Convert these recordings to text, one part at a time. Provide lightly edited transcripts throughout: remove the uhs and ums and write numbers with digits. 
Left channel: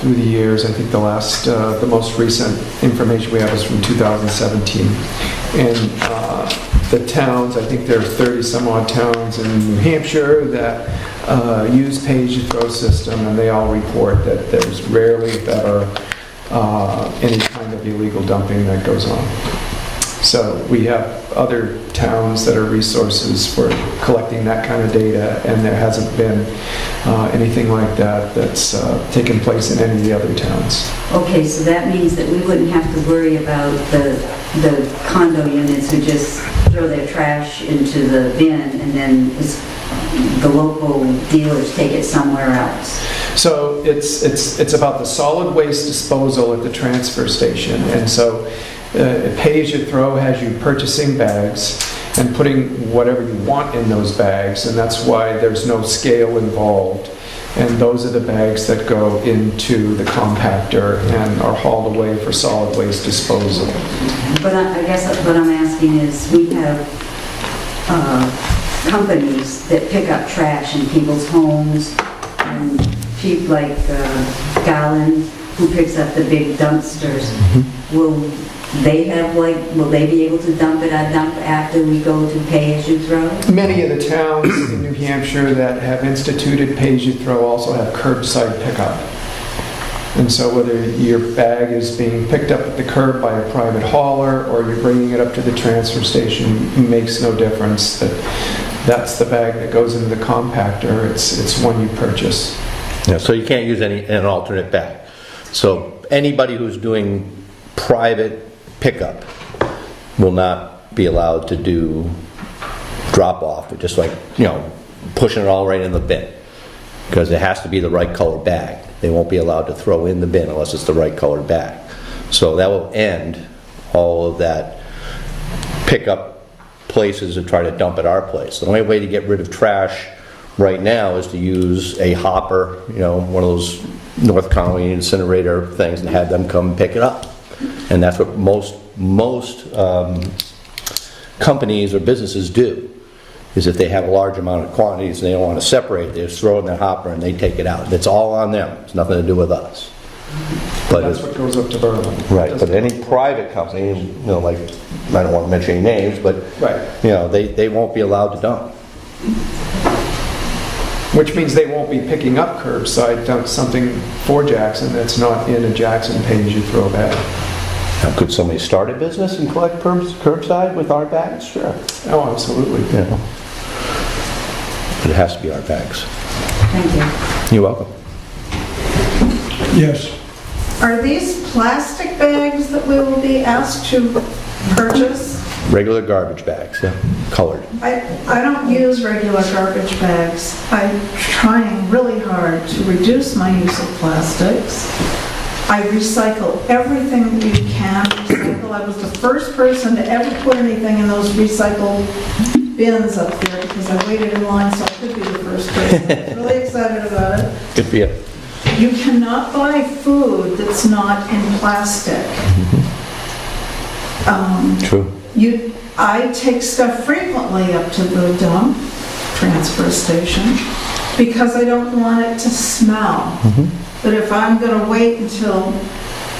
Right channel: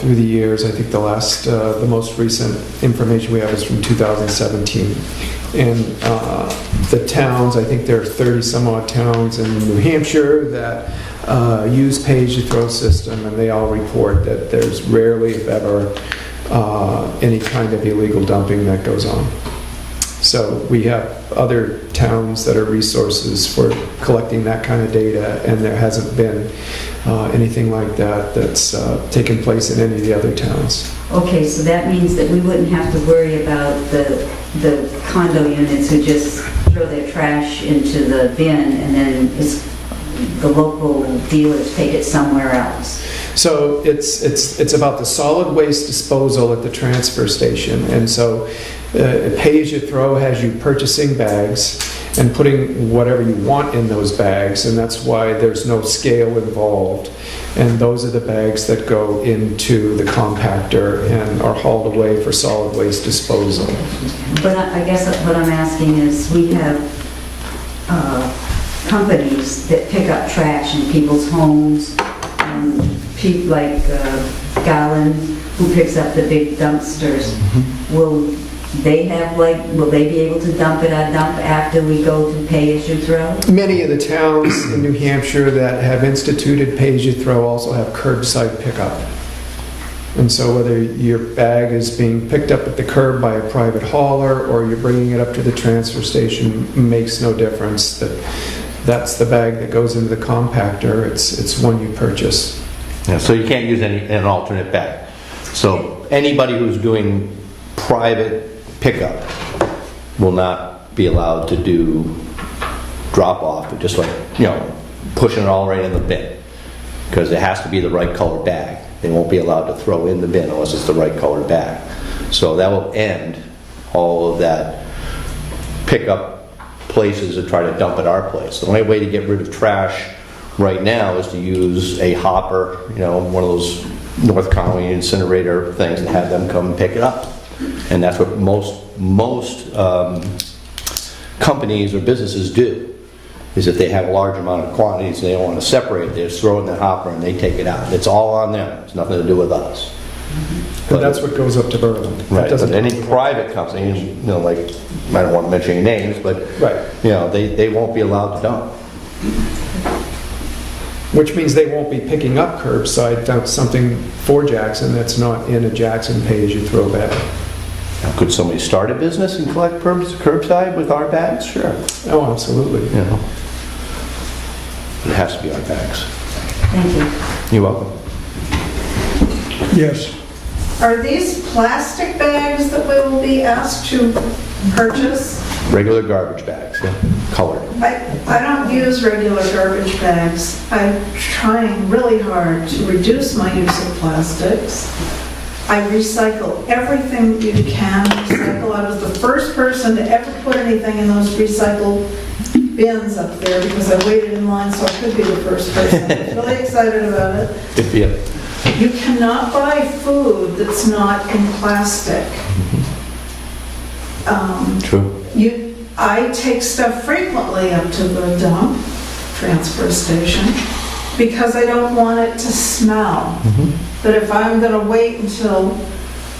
through the years. I think the most recent information we have is from 2017. And the towns, I think there are 30 some odd towns in New Hampshire that use pay-as-you-throw system, and they all report that there's rarely, if ever, any kind of illegal dumping that goes on. So we have other towns that are resources for collecting that kind of data, and there hasn't been anything like that that's taken place in any of the other towns. Okay, so that means that we wouldn't have to worry about the condo units who just throw their trash into the bin and then the local dealers take it somewhere else. So it's about the solid waste disposal at the transfer station, and so pay-as-you-throw has you purchasing bags and putting whatever you want in those bags, and that's why there's no scale involved. And those are the bags that go into the compactor and are hauled away for solid waste disposal. But I guess what I'm asking is, we have companies that pick up trash in people's homes, and people like Garland, who picks up the big dumpsters. Will they be able to dump it on dump after we go to pay-as-you-throw? Many of the towns in New Hampshire that have instituted pay-as-you-throw also have curbside pickup. And so whether your bag is being picked up at the curb by a private hauler or you're bringing it up to the transfer station makes no difference. That's the bag that goes into the compactor. It's one you purchase. Yeah, so you can't use an alternate bag. So anybody who's doing private pickup will not be allowed to do drop off, or just like, pushing it all right in the bin, because it has to be the right color bag. They won't be allowed to throw in the bin unless it's the right color bag. So that will end all of that pickup places that try to dump at our place. The only way to get rid of trash right now is to use a hopper, one of those North Conway incinerator things, and have them come pick it up. And that's what most companies or businesses do, is if they have a large amount of quantities and they don't want to separate it, they just throw it in the hopper and they take it out. It's all on them. It's nothing to do with us. But that's what goes up to Berlin. Right. But any private companies, like, I don't want to mention any names, but right. They won't be allowed to dump. Which means they won't be picking up curbside something for Jackson that's not in a Jackson pay-as-you-throw bag. Now, could somebody start a business and collect curbside with our bags? Sure. Oh, absolutely. Yeah. But it has to be our bags. Thank you. You're welcome. Yes. Are these plastic bags that we will be asked to purchase? Regular garbage bags, yeah, colored. I don't use regular garbage bags. I'm trying really hard to reduce my use of plastics. I recycle everything you can recycle. I was the first person to ever put anything in those recycle bins up there because I waited in line, so I could be the first person. I'm really excited about it. Good for you. You cannot buy food that's not in plastic. True. I take stuff frequently up to the dump, transfer station, because I don't want it to smell. But if I'm going to wait until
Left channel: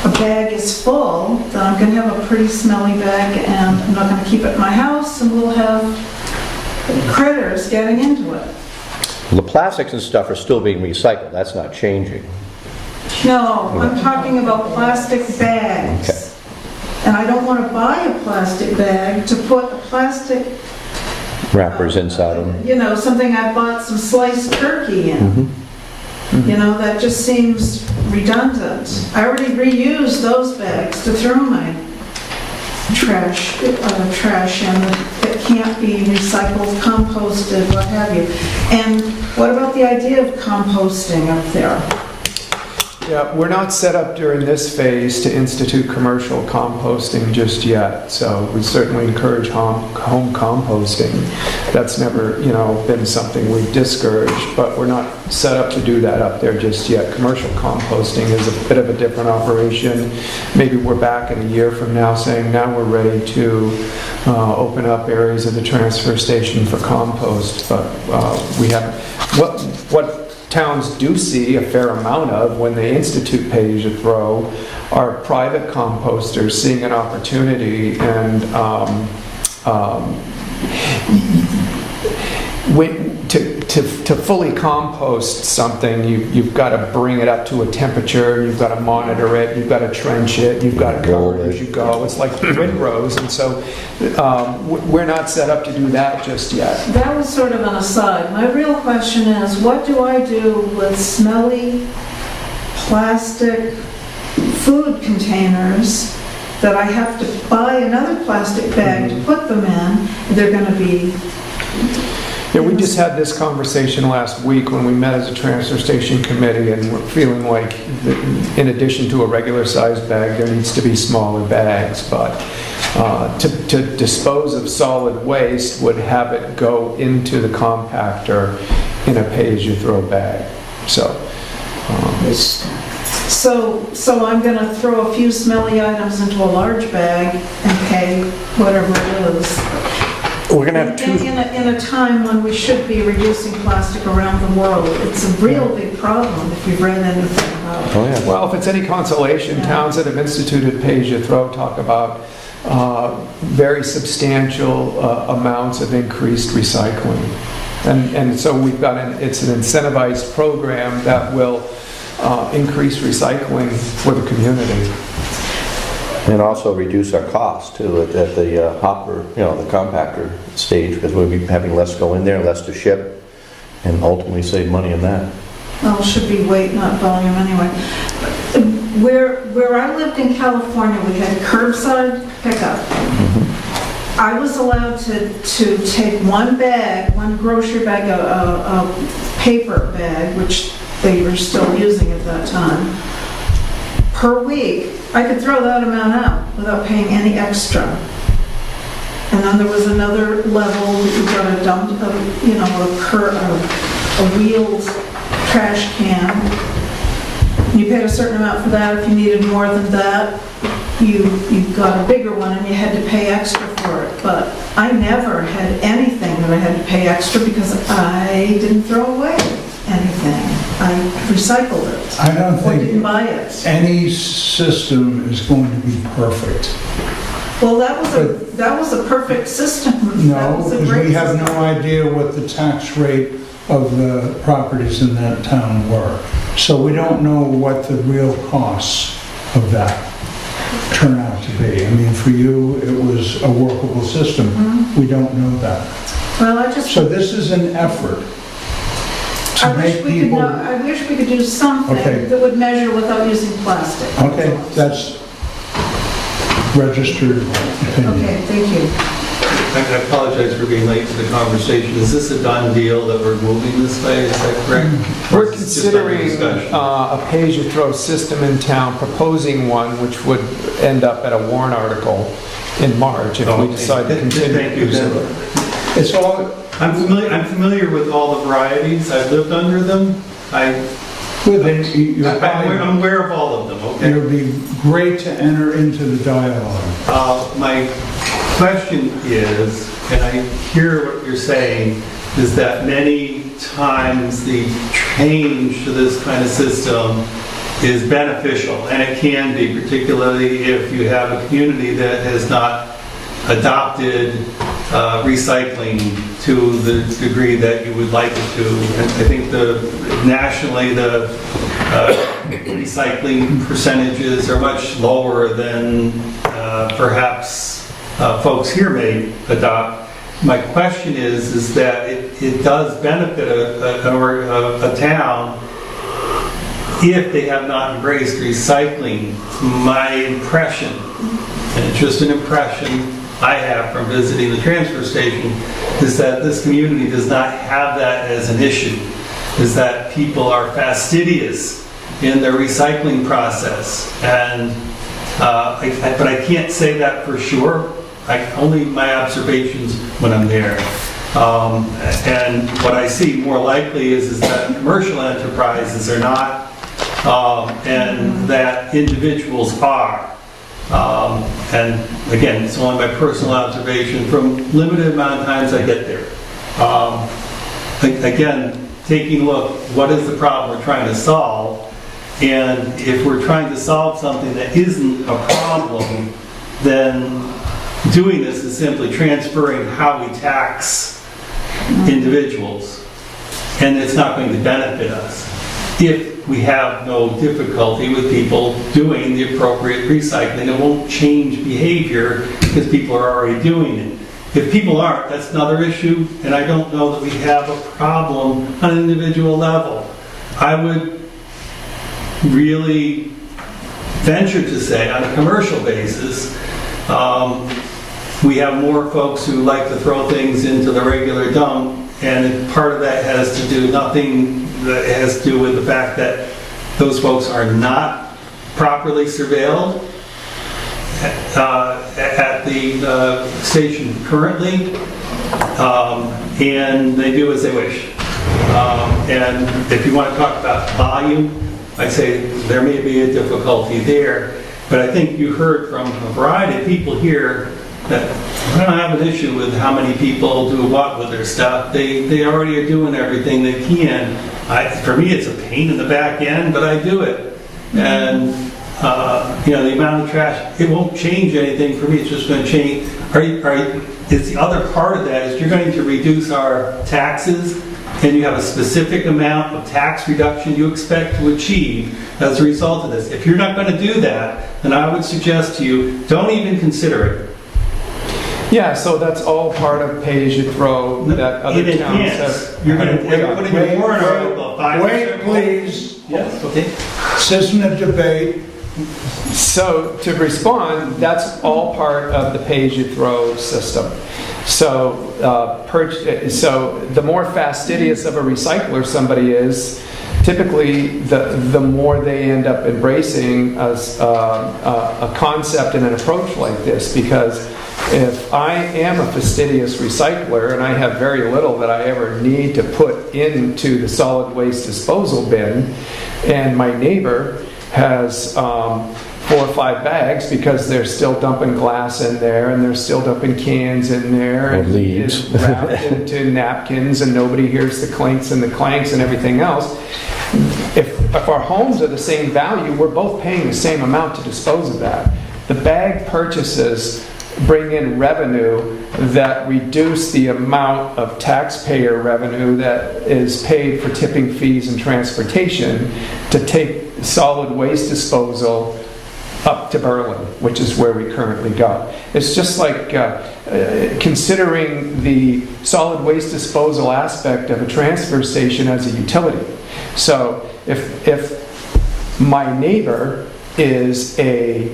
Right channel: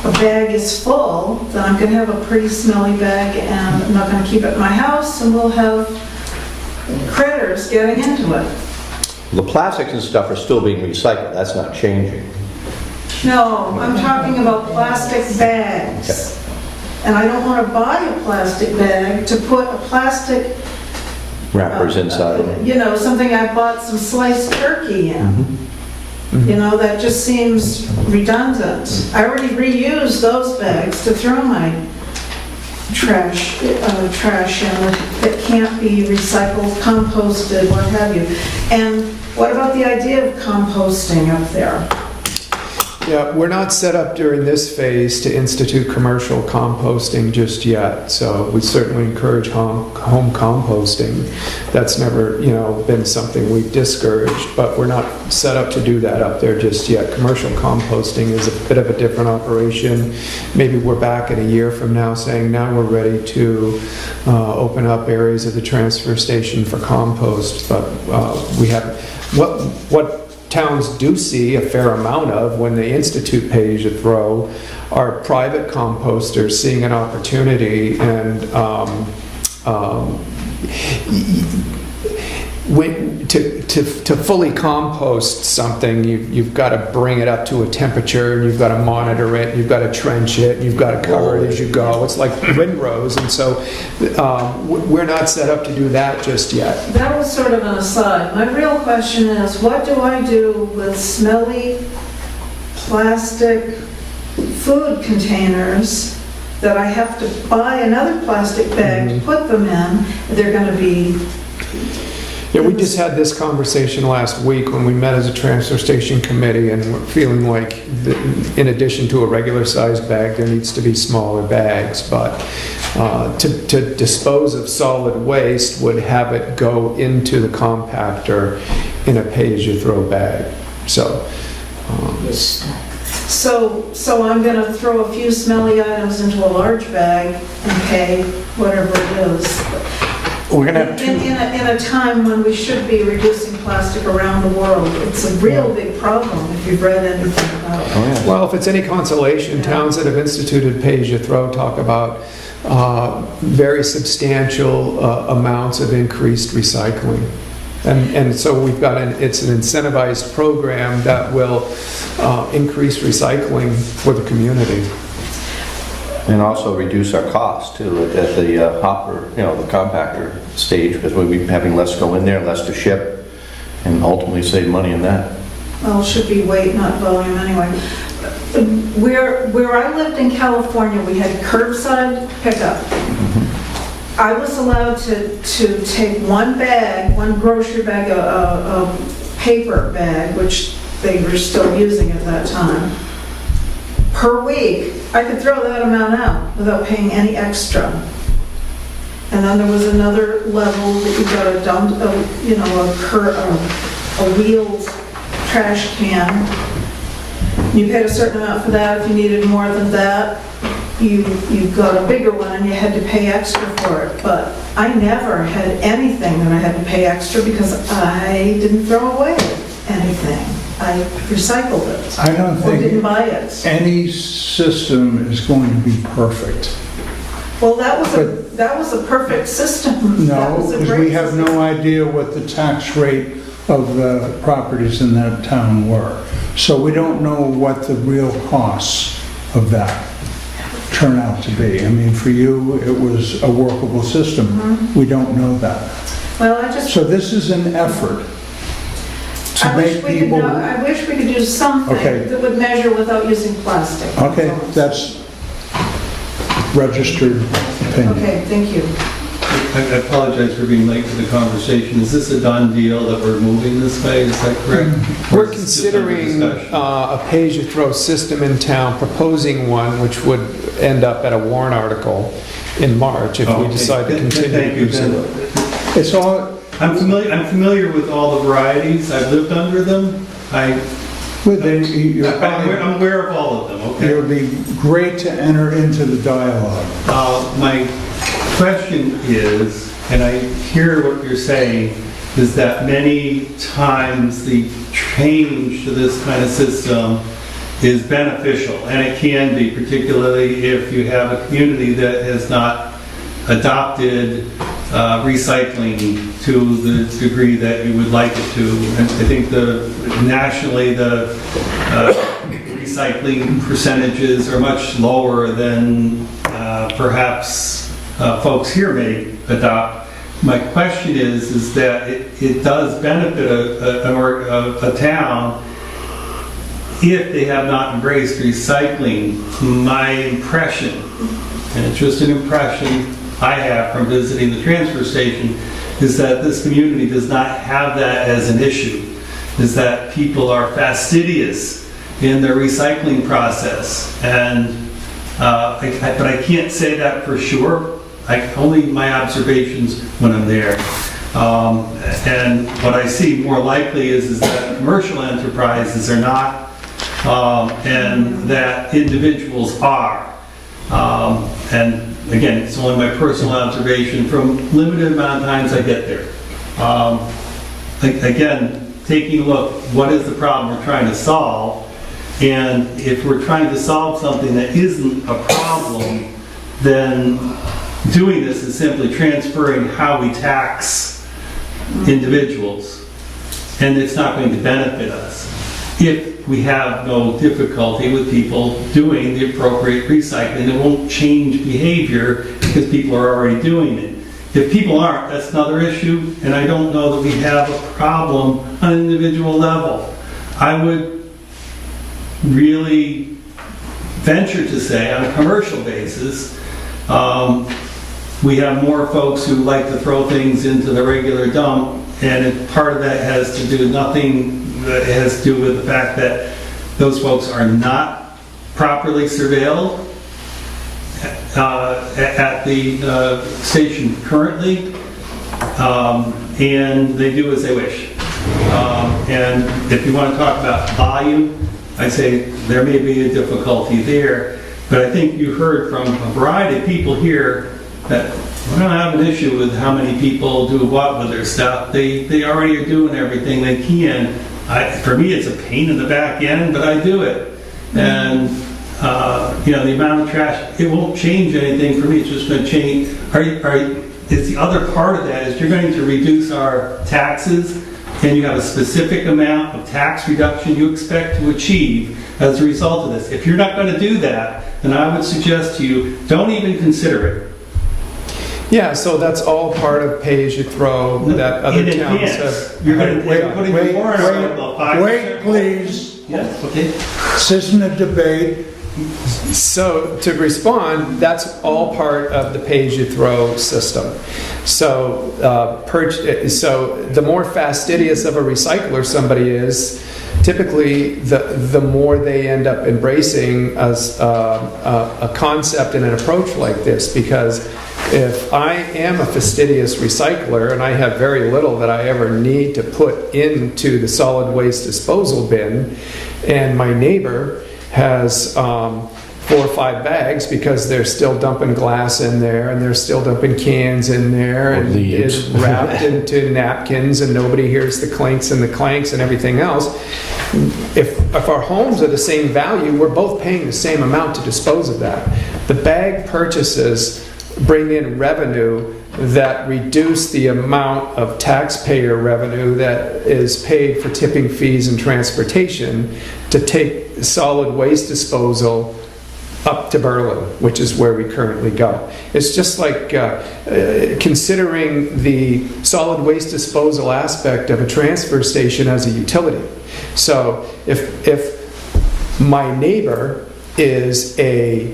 a bag is full, then I'm going to have a pretty smelly bag, and I'm not going to keep it in my house, and we'll have critters getting into it. Well, the plastics and stuff are still being recycled. That's not changing. No, I'm talking about plastic bags. Okay. And I don't want to buy a plastic bag to put a plastic Wrappers inside them. Something I bought some sliced turkey in. That just seems redundant. I already reused those bags to throw my trash in that can't be recycled, composted, what have you. And what about the idea of composting up there? Yeah, we're not set up during this phase to institute commercial composting just yet. So we certainly encourage home composting. That's never, been something we've discouraged, but we're not set up to do that up there just yet. Commercial composting is a bit of a different operation. Maybe we're back in a year from now saying now we're ready to open up areas of the transfer station for compost, but we haven't. What towns do see a fair amount of when they institute pay-as-you-throw are private composters seeing an opportunity and to fully compost something, you've got to bring it up to a temperature, and you've got to monitor it, you've got to trench it, you've got to cover it as you go. It's like windrows, and so we're not set up to do that just yet. That was sort of an aside. My real question is, what do I do with smelly plastic food containers that I have to buy another plastic bag to put them in? They're going to be... Yeah, we just had this conversation last week when we met as a transfer station committee, and we're feeling like in addition to a regular sized bag, there needs to be smaller bags. But to dispose of solid waste would have it go into the compactor in a pay-as-you-throw bag. So I'm going to throw a few smelly items into a large bag and pay whatever it is. We're gonna have two. In a time when we should be reducing plastic around the world, it's a real big problem if you've read anything about it. Oh, yeah. well, if it's any consolation, towns that have instituted pay-as-you-throw talk about very substantial amounts of increased recycling. And so we've got it's an incentivized program that will increase recycling for the community. And also reduce our cost too at the hopper, the compactor stage, because we'll be having less go in there, less to ship, and ultimately save money in that. Well, it should be weight, not volume anyway. Where I lived in California, we had curbside pickup. I was allowed to take one grocery bag, a paper bag, which they were still using at that time, per week. I could throw that amount out without paying any extra. And then there was another level that you got a dump, a wheeled trash can. You paid a certain amount for that. If you needed more than that, you got a bigger one and you had to pay extra for it. But I never had anything that I had to pay extra because I didn't throw away anything. I recycled it. I don't Or think didn't buy it. any system is going to be perfect. Well, that was a perfect system. That No, was a because great we have system. no idea what the tax rate of the properties in that town were. So we don't know what the real costs of that turn out to be. I mean, for you, it was a workable system. We don't know that. Well, So this is an effort to I wish make we could people... I wish we could do something Okay. that would measure without using plastic. Okay, that's registered opinion. Okay, thank you. I apologize for being late to the conversation. Is this a done deal that we're moving this way? Is that correct? We're Or is this just under considering discussion? a pay-as-you-throw system in town, proposing one which would end up at a warrant article in March if we Okay. decide to Thank continue to you. use it. It's all, I'm familiar with all the varieties. I've lived under them. then you're I'm aware of all of them, It okay? would be great to enter into the dialogue. My question is, and I hear what you're saying, is that many times the change to this kind of system is beneficial, and it can be, particularly if you have a community that has not adopted recycling to the degree that you would like it to. And I think nationally the recycling percentages are much lower than perhaps folks here may adopt. My question is that it does benefit a town if they have not embraced recycling. My impression, and it's just an impression I have from visiting the transfer station, is that this community does not have that as an issue, is that people are fastidious in their recycling process. And but I can't say that for sure. Only my observations when I'm there. And what I see more likely is that commercial enterprises are not, and that individuals are. And again, it's only my personal observation from limited amount of times I get there. Again, taking a look, what is the problem we're trying to solve? And if we're trying to solve something that isn't a problem, then doing this is simply transferring how we tax individuals. And it's not going to benefit us if we have no difficulty with people doing the appropriate recycling. It won't change behavior because people are already doing it. If people aren't, that's another issue, and I don't know that we have a problem on an individual level. I would really venture to say, on a commercial basis, we have more folks who like to throw things into the regular dump, and part of that has to do that has to do with the fact that those folks are not properly surveilled at the station currently, and they do as they wish. And if you want to talk about volume, I'd say there may be a difficulty there, but I think you heard from a variety of people here that I don't have an issue with how many people do what with their stuff. They already are doing everything they can. For me, it's a pain in the back end, but I do it. And the amount of trash, it won't change anything for me. It's just going to change. It's the other part of that is you're going to reduce our taxes, and you have a specific amount of tax reduction you expect to achieve as a result of this. If you're not going to do that, then I would suggest to you, don't even consider it. Yeah, so that's all part of pay-as-you-throw that other In towns advance, have. you're going to put in your warrant article, 5%. Wait, please. Yes, okay. This isn't a debate. So to respond, that's all part of the pay-as-you-throw system. So, so the more fastidious of a recycler somebody is, typically the more they end up embracing a concept and an approach like this. Because if I am a fastidious recycler and I have very little that I ever need to put into the solid waste disposal bin, and my neighbor has 4 or 5 bags because they're still dumping glass in there and they're still dumping cans in there, and it's wrapped into napkins and nobody hears the clinks and the clanks and everything else. If our homes are the same value, we're both paying the same amount to dispose of that. The bag purchases bring in revenue that reduce the amount of taxpayer revenue that is paid for tipping fees and transportation to take solid waste disposal up to Berlin, which is where we currently go. It's just like considering the solid waste disposal aspect of a transfer station as a utility. So if my neighbor is a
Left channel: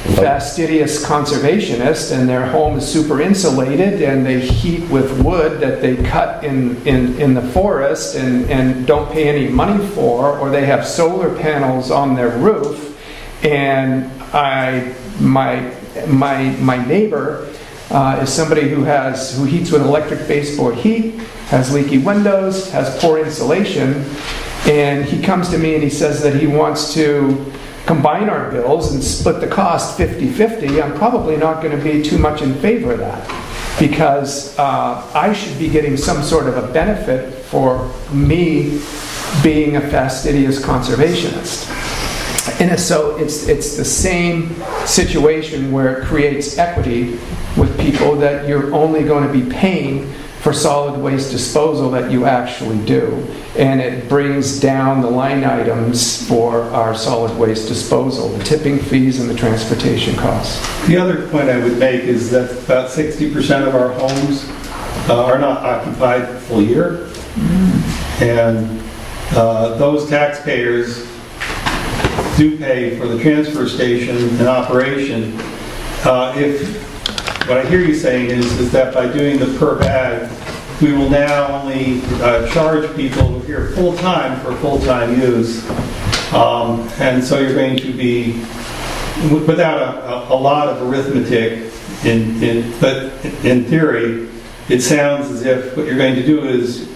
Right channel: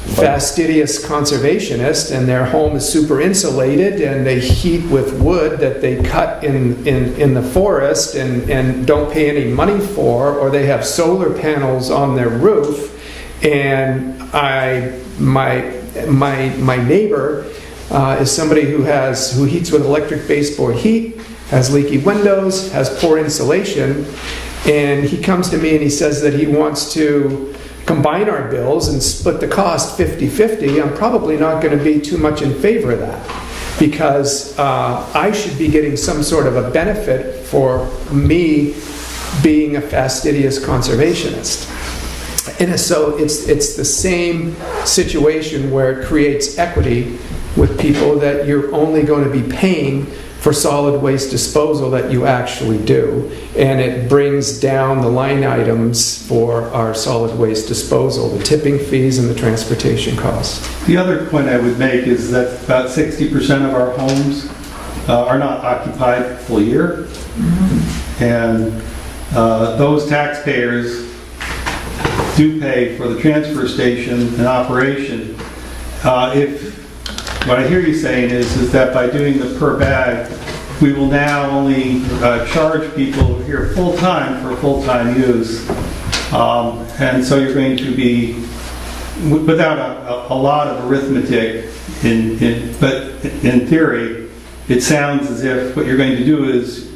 fastidious conservationist and their home is super insulated and they heat with wood that they cut in the forest and don't pay any money for, or they have solar panels on their roof, and my neighbor is somebody who heats with electric baseboard heat, has leaky windows, has poor insulation, and he comes to me and he says that he wants to combine our bills and split the cost 50-50, I'm probably not going to be too much in favor of that, because I should be getting some sort of a benefit for me being a fastidious conservationist. And so it's the same situation where it creates equity with people, that you're only going to be paying for solid waste disposal that you actually do, and it brings down the line items for our solid waste disposal, the tipping fees and the transportation costs. The other point I would make is that about 60% of our homes are not occupied full year, and those taxpayers do pay for the transfer station and operation. What I hear you saying is that by doing the per bag, we will now only charge people here full-time for full-time use. And so you're going to be, without a lot of arithmetic, but in theory, it sounds as if what you're going to do is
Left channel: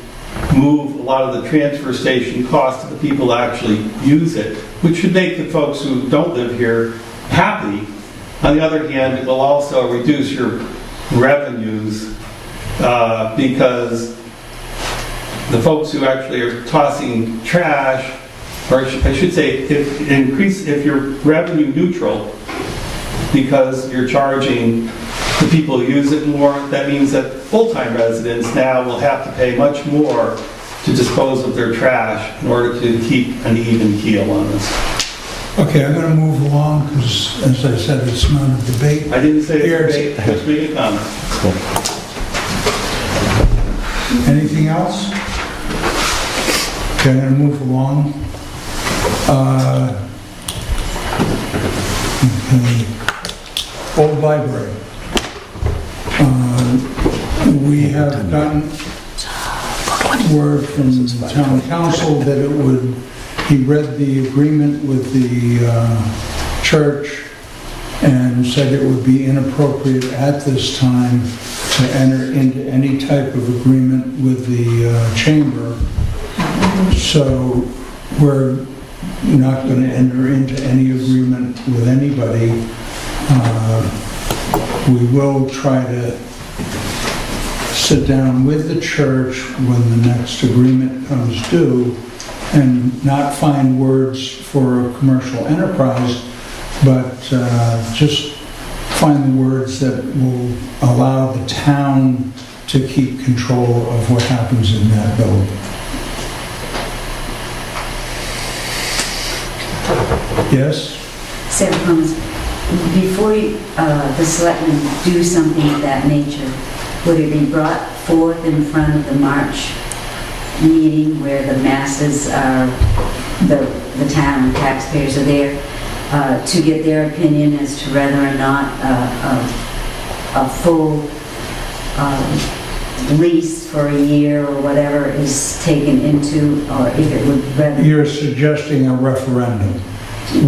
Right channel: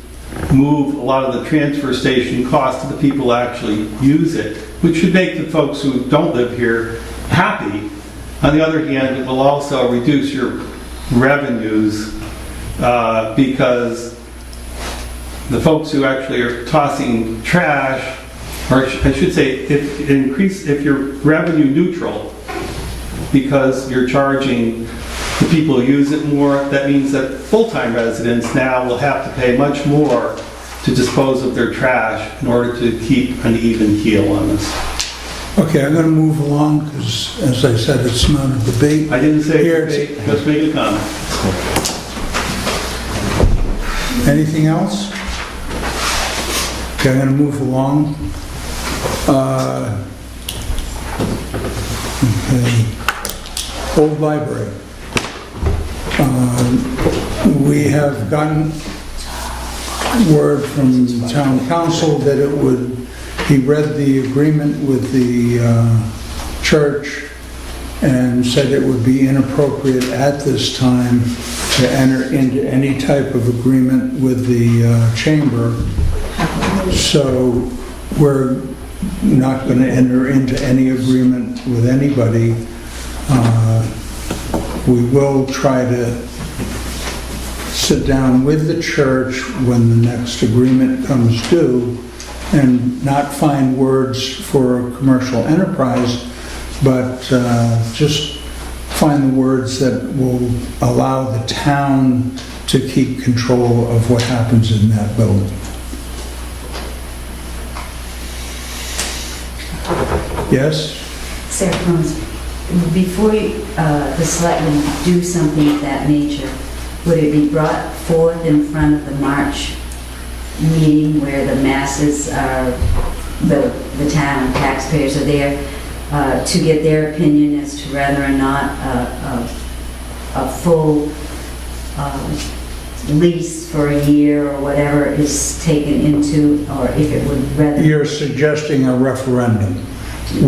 move a lot of the transfer station costs to the people who actually use it, which should make the folks who don't live here happy. On the other hand, it will also reduce your revenues because the folks who actually are tossing trash, or I should say, if you're revenue neutral, because you're charging the people who use it more, that means that full-time residents now will have to pay much more to dispose of their trash in order to keep an even keel on this. Okay, I'm going to move along because, as I said, it's not a debate. I didn't say Here, debate, just make a comment. Anything else? Okay, I'm going to move along. Okay. Old library. We have gotten word from the town council that it would, he read the agreement with the church and said it would be inappropriate at this time to enter into any type of agreement with the chamber. So we're not going to enter into any agreement with anybody. We will try to sit down with the church when the next agreement comes due and not find words for a commercial enterprise, but just find the words that will allow the town to keep control of what happens in that building. Yes? Sarah Combs, before the selectmen do something of that nature, would it be brought forth in front of the March meeting where the masses are, the town taxpayers are there, to get their opinion as to whether or not a full lease for a year or whatever is taken into, or if it would rather... You're suggesting a referendum.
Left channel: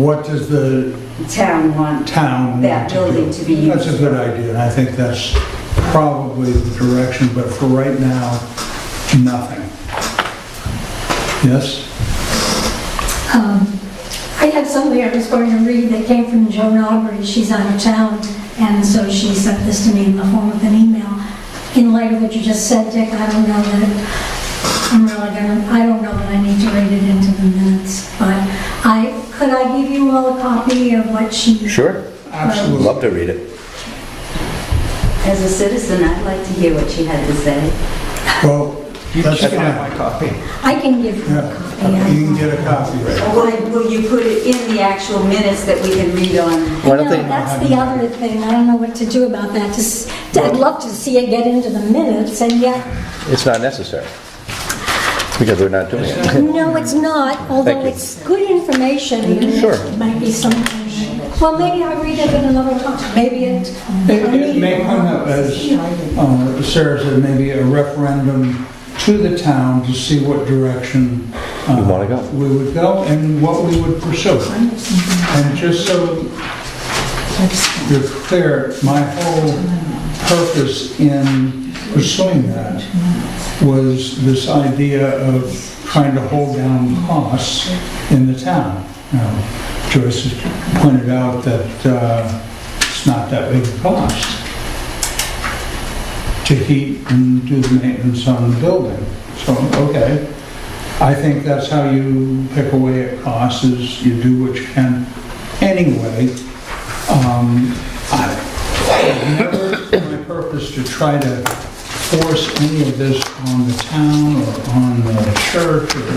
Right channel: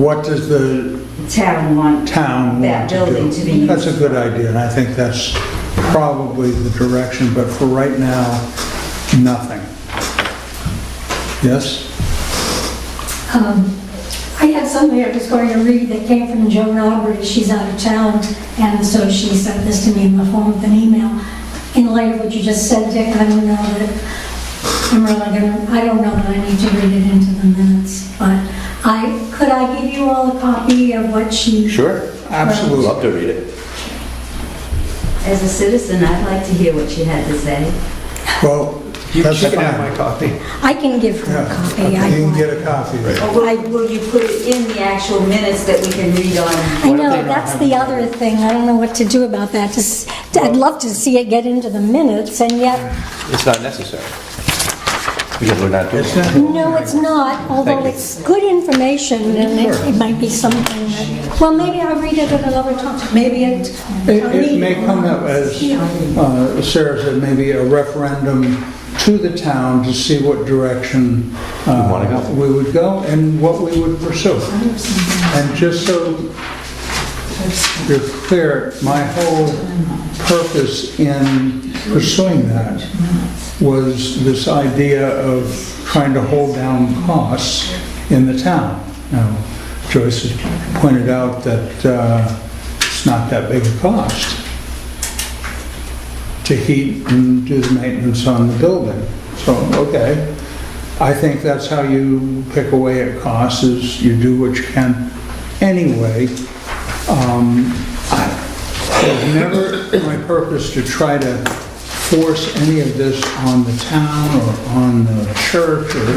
What does the town want town that want to building do? to be used? That's a good idea, and I think that's probably the direction, but for right now, nothing. Yes? I had somebody I was going to read that came from Joan Aubrey. She's out of town, and so she sent this to me in the form of an email. In light of what you just said, Dick, I don't know that I don't know that I need to read it into the minutes, but could I give you all a copy of what she... Sure. Absolutely. Love to read it. As a citizen, I'd like to hear what she had to say. Well, You that's can have my copy. I can give her a Yeah, copy. you can get a copy, right? Or will you put it in the actual minutes that we can read on? Why don't No, they- that's the other thing. I don't know what to do about that. I'd love to see it get into the minutes, and yet, It's not necessary. Because we're not doing Is it. it? no, it's not, although Thank you. it's good information, and Sure. it might be something that... Well, maybe I'll read it at another time. Maybe It may come up as, Sarah said, maybe a referendum to the town to see what direction wanna go. we would go and what we would pursue. And just so you're clear, my whole purpose in pursuing that was this idea of trying to hold down costs in the town. Now, Joyce has pointed out that it's not that big a cost to heat and do the maintenance on the building. So, okay, I think that's how you pick away at costs, is you do what you can anyway. It's never my purpose to try to force any of this on the town or on the church or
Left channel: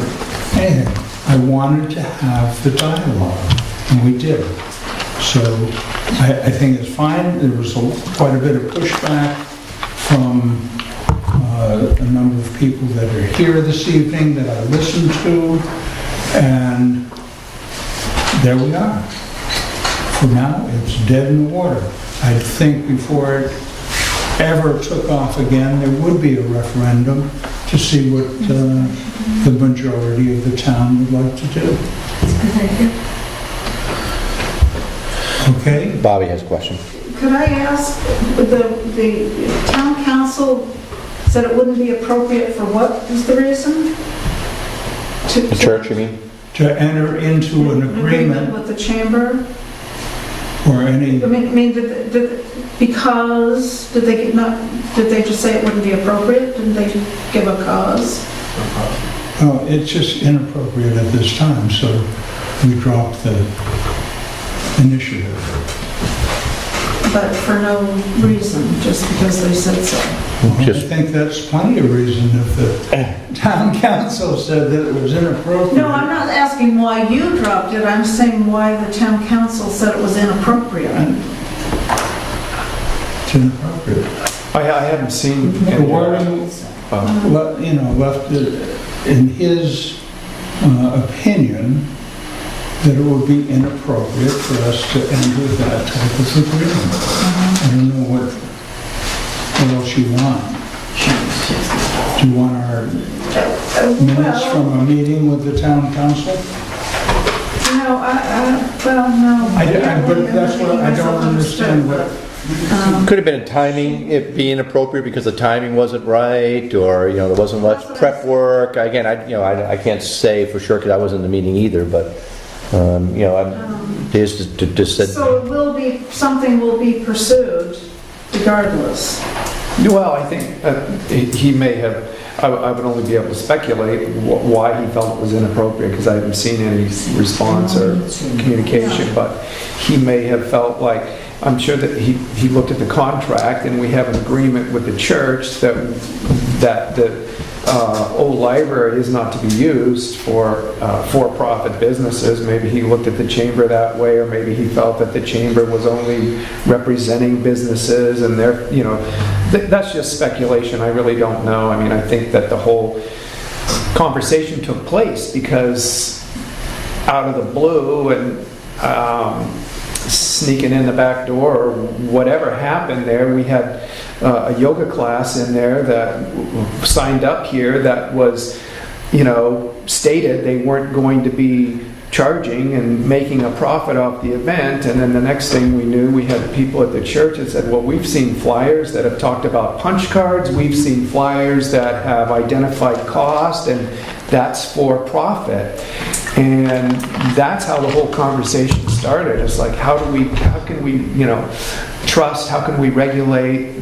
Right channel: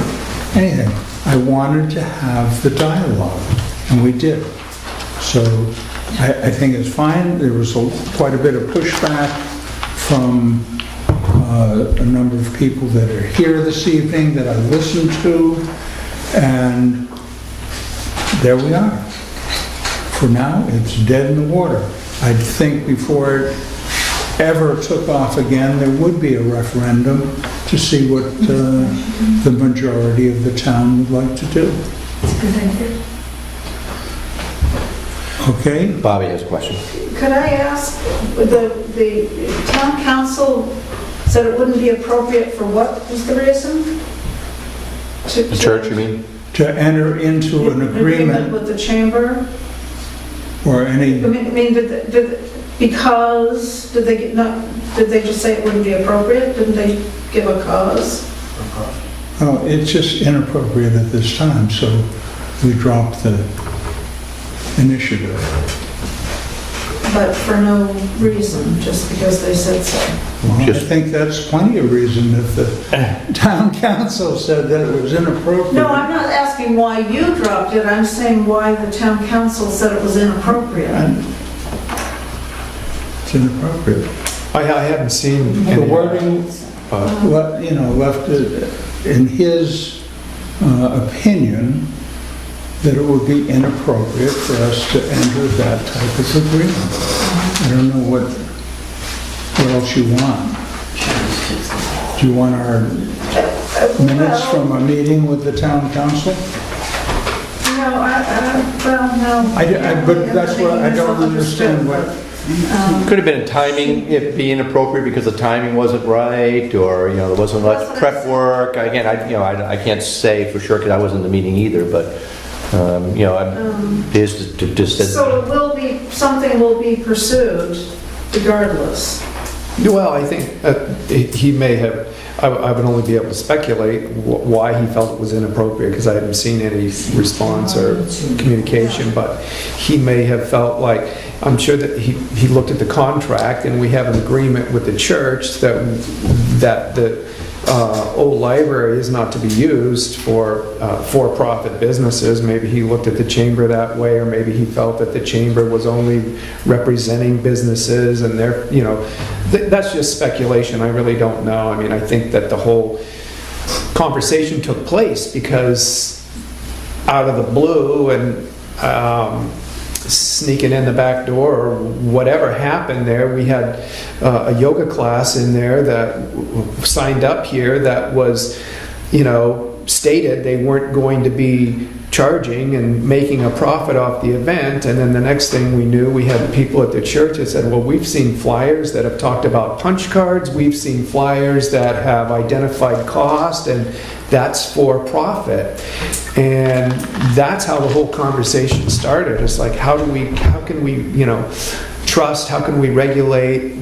anything. I wanted to have the dialogue, and we did. So I think it's fine. There was quite a bit of pushback from a number of people that are here this evening that I listened to, and there we are. For now, it's dead in the water. I think before it ever took off again, there would be a referendum to see what the majority of the town would like to do. Okay? Bobby has a question. Could I ask, the town council said it wouldn't be appropriate for what was the reason? The church, you mean? To enter into an agreement with the chamber? or any, I mean, because, did they just say it wouldn't be appropriate? Didn't they give a cause? Oh, it's just inappropriate at this time, so we dropped the initiative. But for no reason, just because they said so. Well, I Just- think that's plenty of reason if the town council said that it was inappropriate. No, I'm not asking why you dropped it, I'm saying why the town council said it was inappropriate. It's inappropriate. I haven't seen The any, wording, left it in his opinion that it would be inappropriate for us to enter that type of agreement. I don't know what else you want. Do you want our minutes from a meeting with the town council? No, well, no. But that's what I don't understand what. Could have been a timing, it being appropriate because the timing wasn't right, or, there wasn't That's much what I prep said. work. Again, I can't say for sure because I wasn't in the meeting either, but, I'm just to just said. So it will be, something will be pursued regardless. well, I think he may have, I would only be able to speculate why he felt it was inappropriate, because I haven't seen any response or communication, but he may have felt like, I'm sure that he looked at the contract, and we have an agreement with the church that the old library is not to be used for for-profit businesses. Maybe he looked at the chamber that way, or maybe he felt that the chamber was only representing businesses, and that's just speculation. I really don't know. I mean, I think that the whole conversation took place because out of the blue and sneaking in the back door or whatever happened there, we had a yoga class in there that signed up here that was, stated they weren't going to be charging and making a profit off the event. And then the next thing we knew, we had people at the church that said, well, we've seen flyers that have talked about punch cards, we've seen flyers that have identified cost, and that's for profit. And that's how the whole conversation started. It's like, how can we, trust, how can we regulate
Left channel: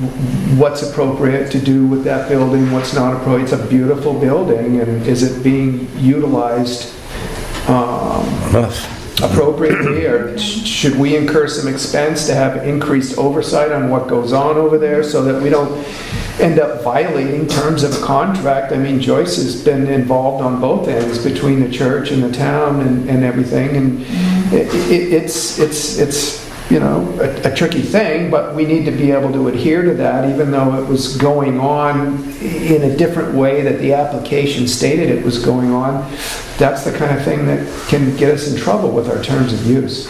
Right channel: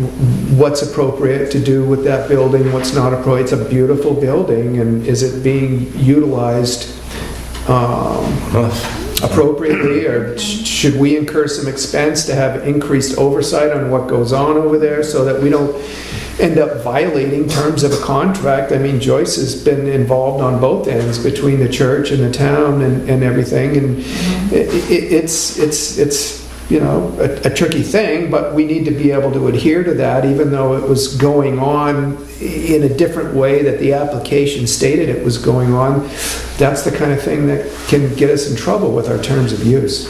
what's appropriate to do with that building, what's not appropriate. It's a beautiful building, and is it being utilized appropriately, or should we incur some expense to have increased oversight on what goes on over there so that we don't end up violating terms of a contract? I mean, Joyce has been involved on both ends between the church and the town and everything, and it's a tricky thing, but we need to be able to adhere to that, even though it was going on in a different way that the application stated it was going on. That's the kind of thing that can get us in trouble with our terms of use.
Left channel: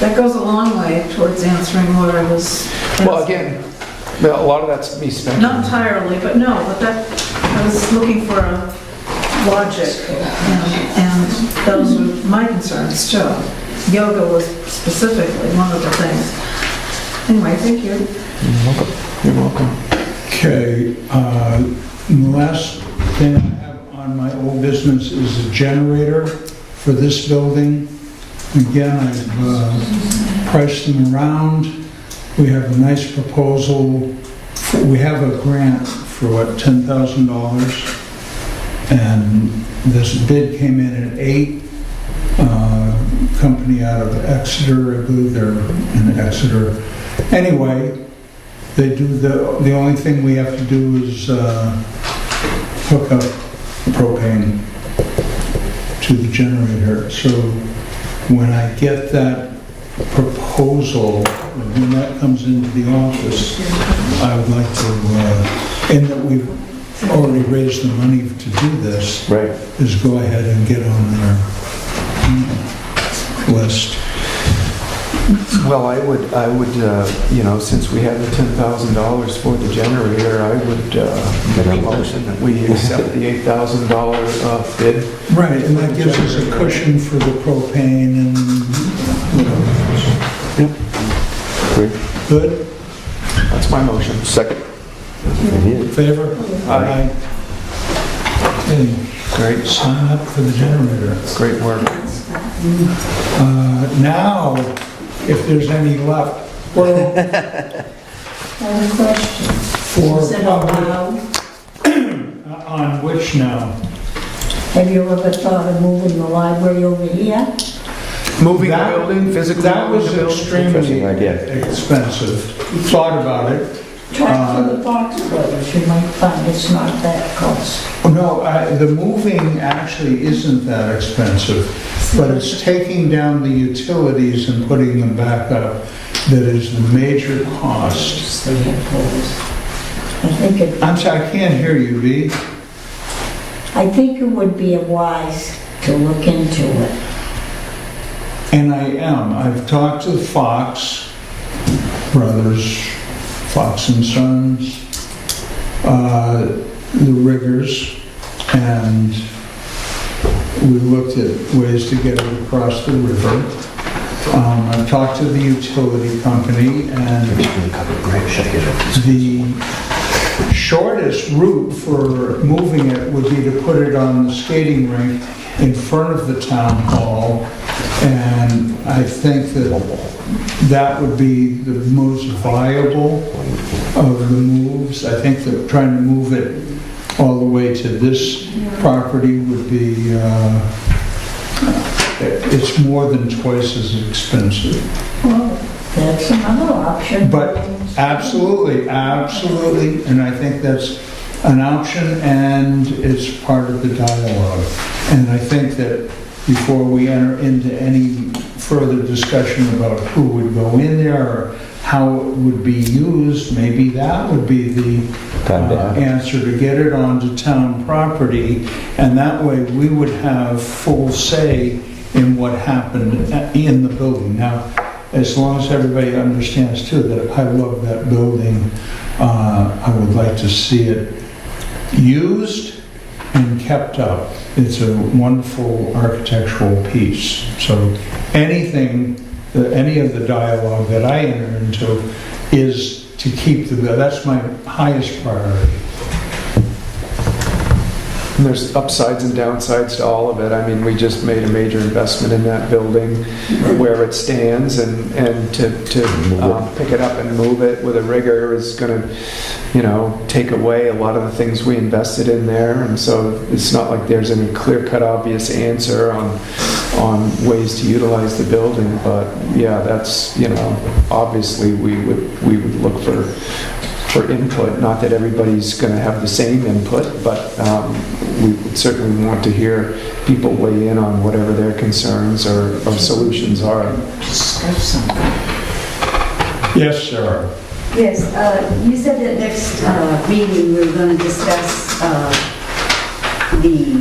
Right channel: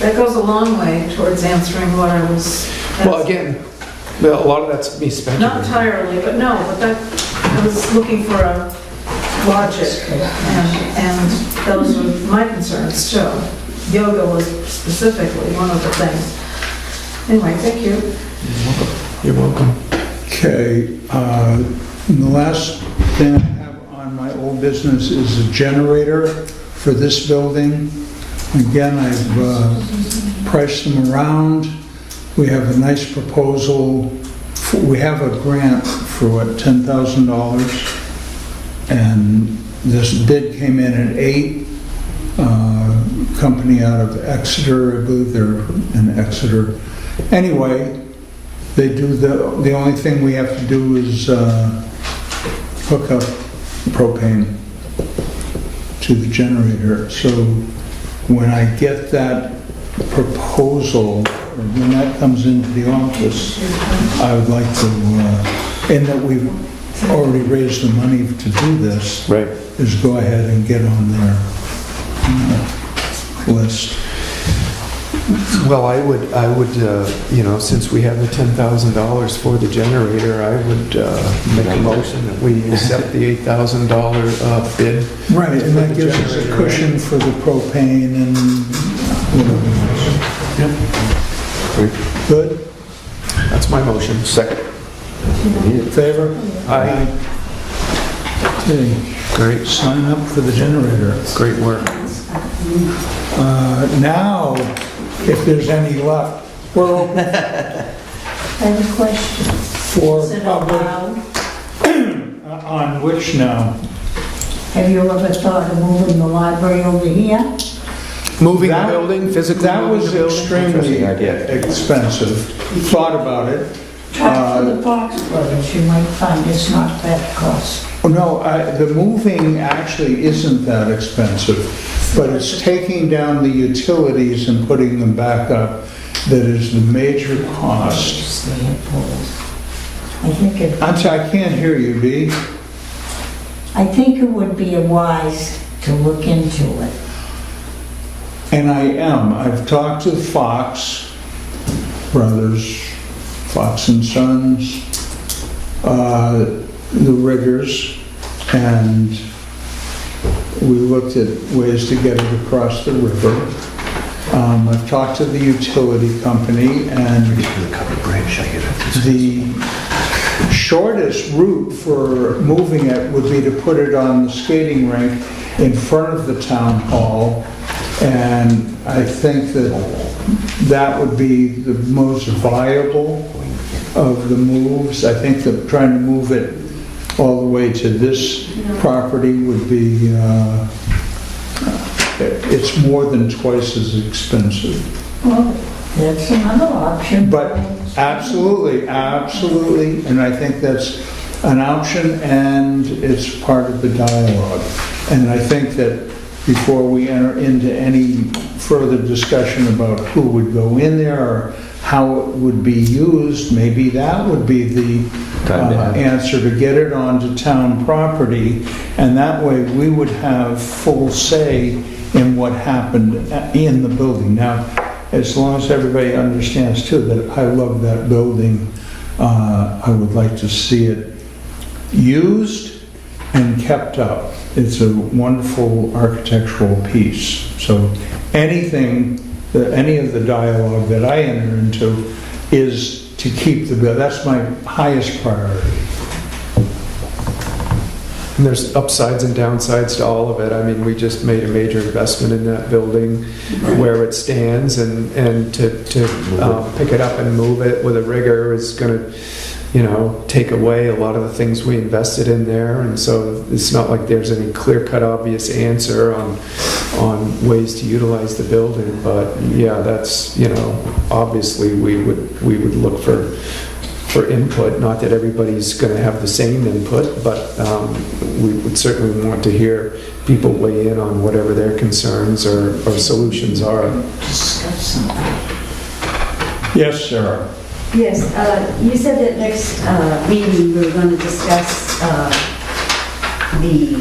That goes a long way towards answering what I was. Well, again, a lot of that's me speculating. Not entirely, but I was looking for a logic, and those were my concerns too. Yoga was specifically one of the things. Anyway, thank you. You're welcome. Okay, the last thing I have on my old business is a generator for this building. Again, I've priced them around. We have a nice proposal. We have a grant for $10,000? And this bid came in at 8. Company out of Exeter, I believe they're in Exeter. Anyway, they do the only thing we have to do is hook up propane to the generator. So when I get that proposal, when that comes into the office, I would like to, in that we've already raised the money to do this, Right. is go ahead and get on their list. Well, I would, since we have the $10,000 for the generator, I would make a motion that we accept the $8,000 bid. Right, and that gives us a cushion for the propane and whatever Yep. Great. else. Good? That's my motion. Second. In favor? Aye. Okay, Great, sign up for the generator. great work. Now, if there's any left, we're open I have a question. for Is it public. allowed? On which now? Have you ever thought of moving the library over here? Moving the That- building, physically That moving was the building? extremely Interesting idea. expensive. Thought about it. Try through the parks brothers, you might find it's not that cost. No, the moving actually isn't that expensive, but it's taking down the utilities and putting them back up that is the major cost. They have poles. I think it, I'm sorry, I can't hear you, Dee. I think it would be wise to look into it. And I am. I've talked to Fox Brothers, Fox and Sons, the riggers, and we looked at ways to get it across the river. I've talked to the utility company, and the shortest route for moving it would be to put it on the skating rink in front of the town hall, and I think that that would be the most viable of the moves. I think that trying to move it all the way to this property would be, it's more than twice as expensive. Well, that's another option. But absolutely, absolutely, and I think that's an option, and it's part of the dialogue. And I think that before we enter into any further discussion about who would go in there or how it would be used, maybe that would be the answer, to get it onto town property, and that way we would have full say in what happened in the building. Now, as long as everybody understands too that I love that building, I would like to see it used and kept up. It's a wonderful architectural piece. So anything, any of the dialogue that I enter into is to keep the building. That's my highest priority. And there's upsides and downsides to all of it. I mean, we just made a major investment in that building where it stands, and to pick it up and move it with a rigger is going to, take away a lot of the things we invested in there. And so it's not like there's any clear-cut, obvious answer on ways to utilize the building. But yeah, that's, obviously we would look for input. Not that everybody's going to have the same input, but we would certainly want to hear people weigh in on whatever their concerns or solutions are. Discuss something. Yes, Sarah. Yes, you said that next meeting we were going to discuss the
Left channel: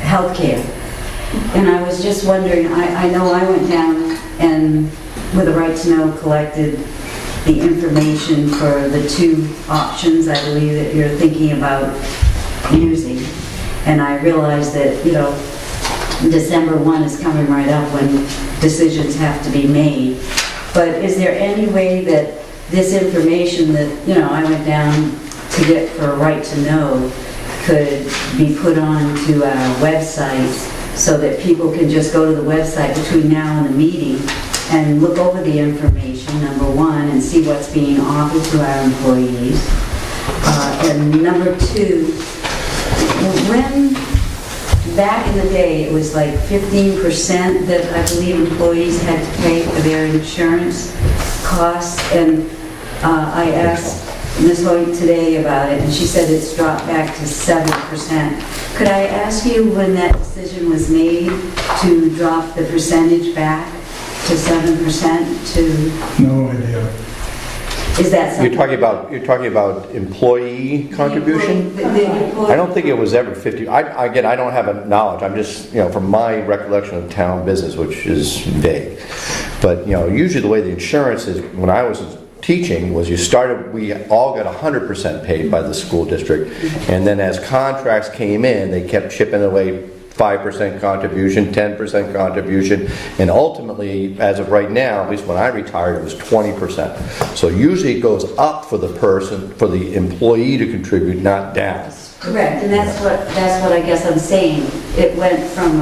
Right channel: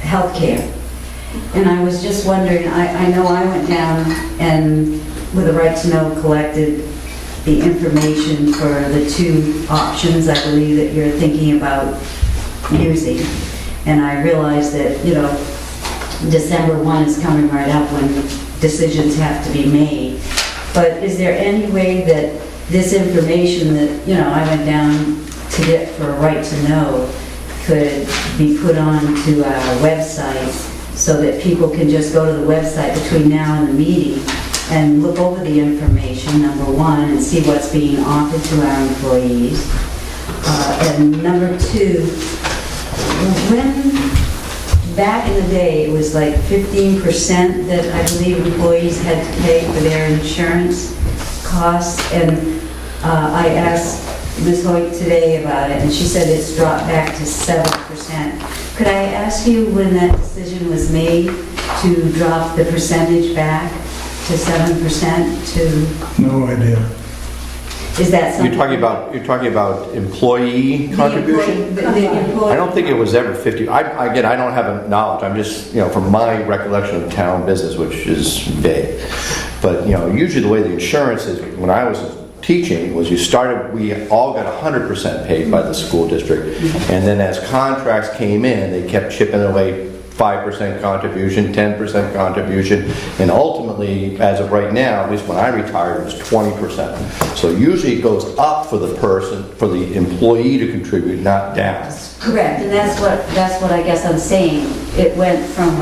healthcare. And I was just wondering, I know I went down and with a right to know collected the information for the two options I believe that you're thinking about using. And I realized that, December 1 is coming right up when decisions have to be made. But is there any way that this information that, I went down to get for a right to know could be put onto our website so that people can just go to the website between now and the meeting and look over the information, number one, and see what's being offered to our employees. And number two, when back in the day, it was like 15% that I believe employees had to pay for their insurance costs. And I asked Ms. Hoyt today about it, and she said it's dropped back to 7%. Could I ask you when that decision was made to drop the percentage back to 7% to, No idea. is that something? You're talking about employee contribution? The employee- I don't think it was ever 50. Again, I don't have a knowledge. I'm just, from my recollection of town business, which is vague. But, usually the way the insurance is, when I was teaching, was we all got 100% paid by the school district. And then as contracts came in, they kept chipping away 5% contribution, 10% contribution, and ultimately, as of right now, at least when I retired, it was 20%. So usually it goes up for the employee to contribute, not down. Correct, and that's what I guess I'm saying. It went from,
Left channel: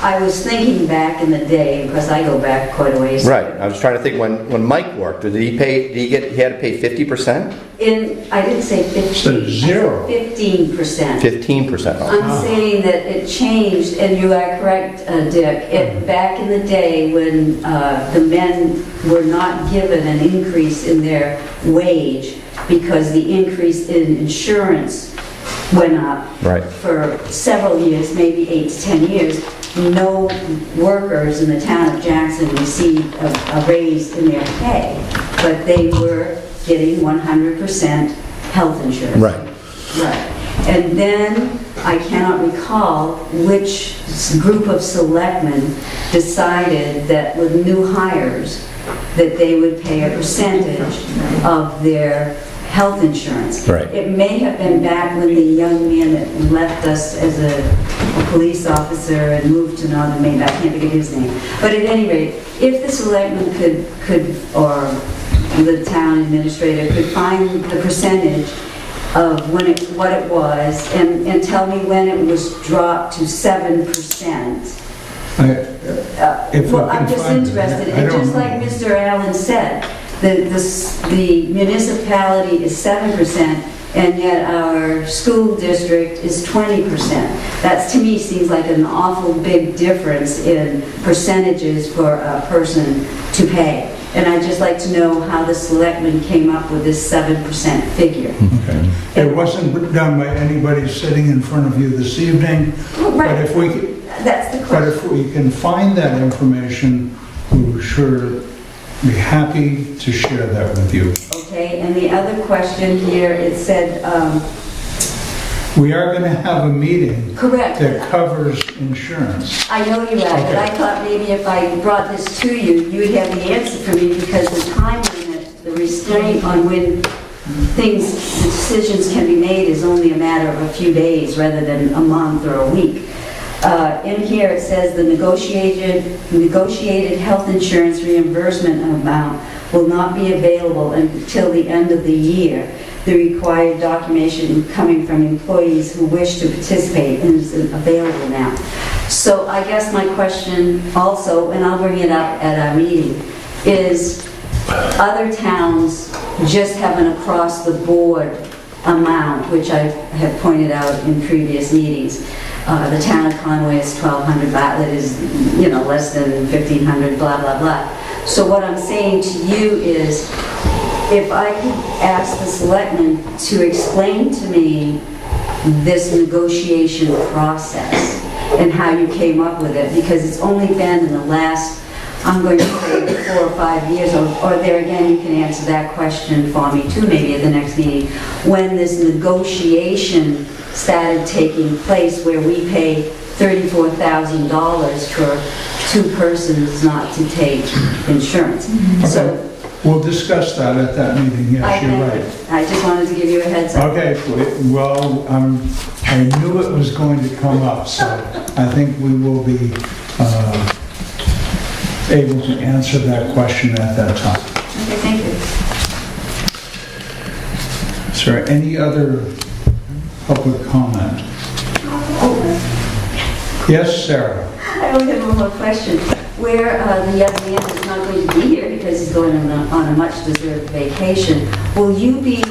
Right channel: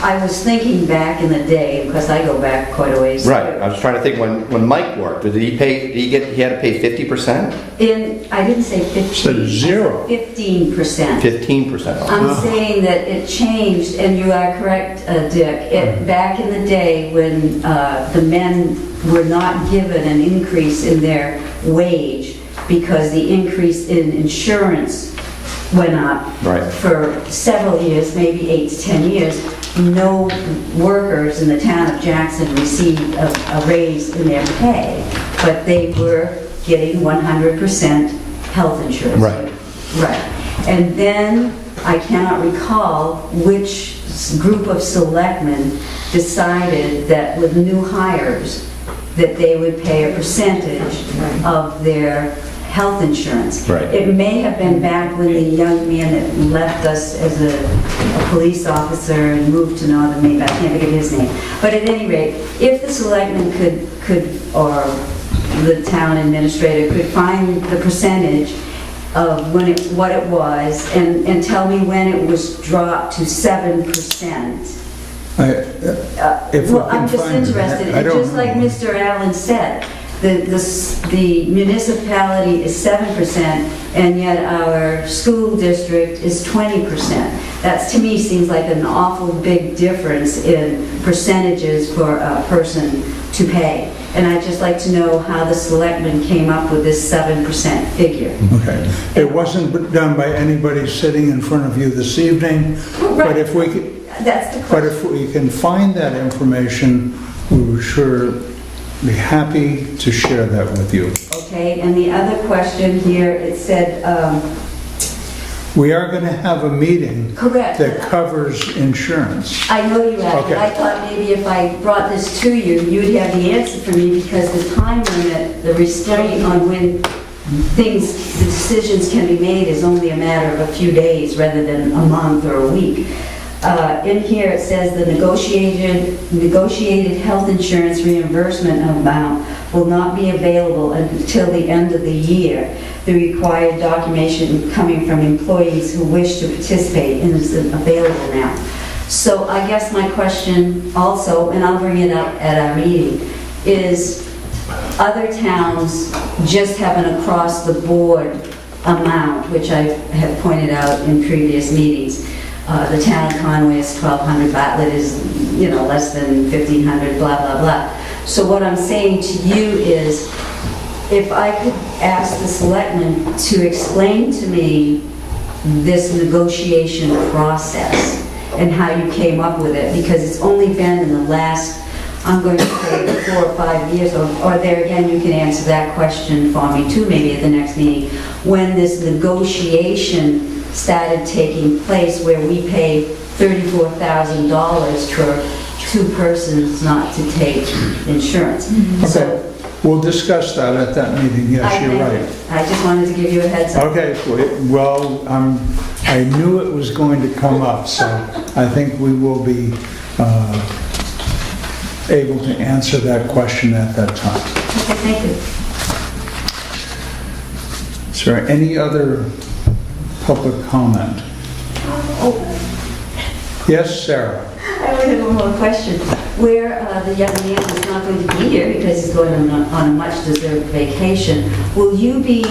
I was thinking back in the day, because I go back quite a ways. Right, I was trying to think when Mike worked, did he had to pay 50%? I didn't say 15. So zero. 15%. 15% off. I'm saying that it changed, and you are correct, Dick. Back in the day when the men were not given an increase in their wage because the increase in insurance went up Right. for several years, maybe 8 to 10 years, no workers in the town of Jackson received a raise in their pay, but they were getting 100% health insurance. Right. Right. And then I cannot recall which group of selectmen decided that with new hires, that they would pay a percentage of their health insurance. Right. It may have been back when the young man that left us as a police officer and moved to Northern Maine, I can't think of his name. But at any rate, if the selectmen could, or the town administrator could find the percentage of what it was and tell me when it was dropped to 7%. If we Well, can I'm just find it, interested, I and don't just like know. Mr. Allen said, the municipality is 7%, and yet our school district is 20%. That, to me, seems like an awful big difference in percentages for a person to pay. And I'd just like to know how the selectmen came up with this 7% figure. Okay. It wasn't done by anybody sitting in front of you this evening, but if we could, That's the but question. if we can find that information, we will sure be happy to share that with you. Okay, and the other question here, it said, We are going to have a meeting correct. that covers insurance. I know you have, but Okay. I thought maybe if I brought this to you, you'd have the answer for me, because the time limit, the restraint on when the decisions can be made is only a matter of a few days rather than a month or a week. In here, it says the negotiated health insurance reimbursement amount will not be available until the end of the year. The required documentation coming from employees who wish to participate isn't available now. So I guess my question also, and I'll bring it up at our meeting, is other towns just have an across-the-board amount, which I have pointed out in previous meetings. The town of Conway is 1,200, Bartlett is, less than 1,500, blah, blah, blah. So what I'm saying to you is, if I could ask the selectmen to explain to me this negotiation process and how you came up with it, because it's only been in the last, I'm going to say 4 or 5 years, or there again, you can answer that question for me too, maybe at the next meeting, when this negotiation started taking place where we pay $34,000 for 2 persons not to take insurance. So We'll discuss that at that meeting, yes, you're right. I just wanted to give you a heads up. Okay, well, I knew it was going to come up, so I think we will be able to answer that question at that time. Okay, thank you. Is there any other public comment? Yes, Sarah? I only have one more question. Where the young man is not going to be here because he's going on a much-deserved vacation, will you be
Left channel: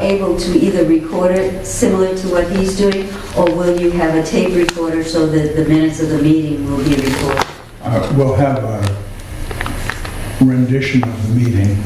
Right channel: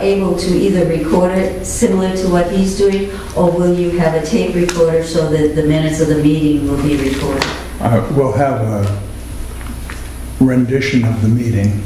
able to either record it similar to what he's doing, or will you have a tape recorder so that the minutes of the meeting will be recorded? We'll have a rendition of the meeting.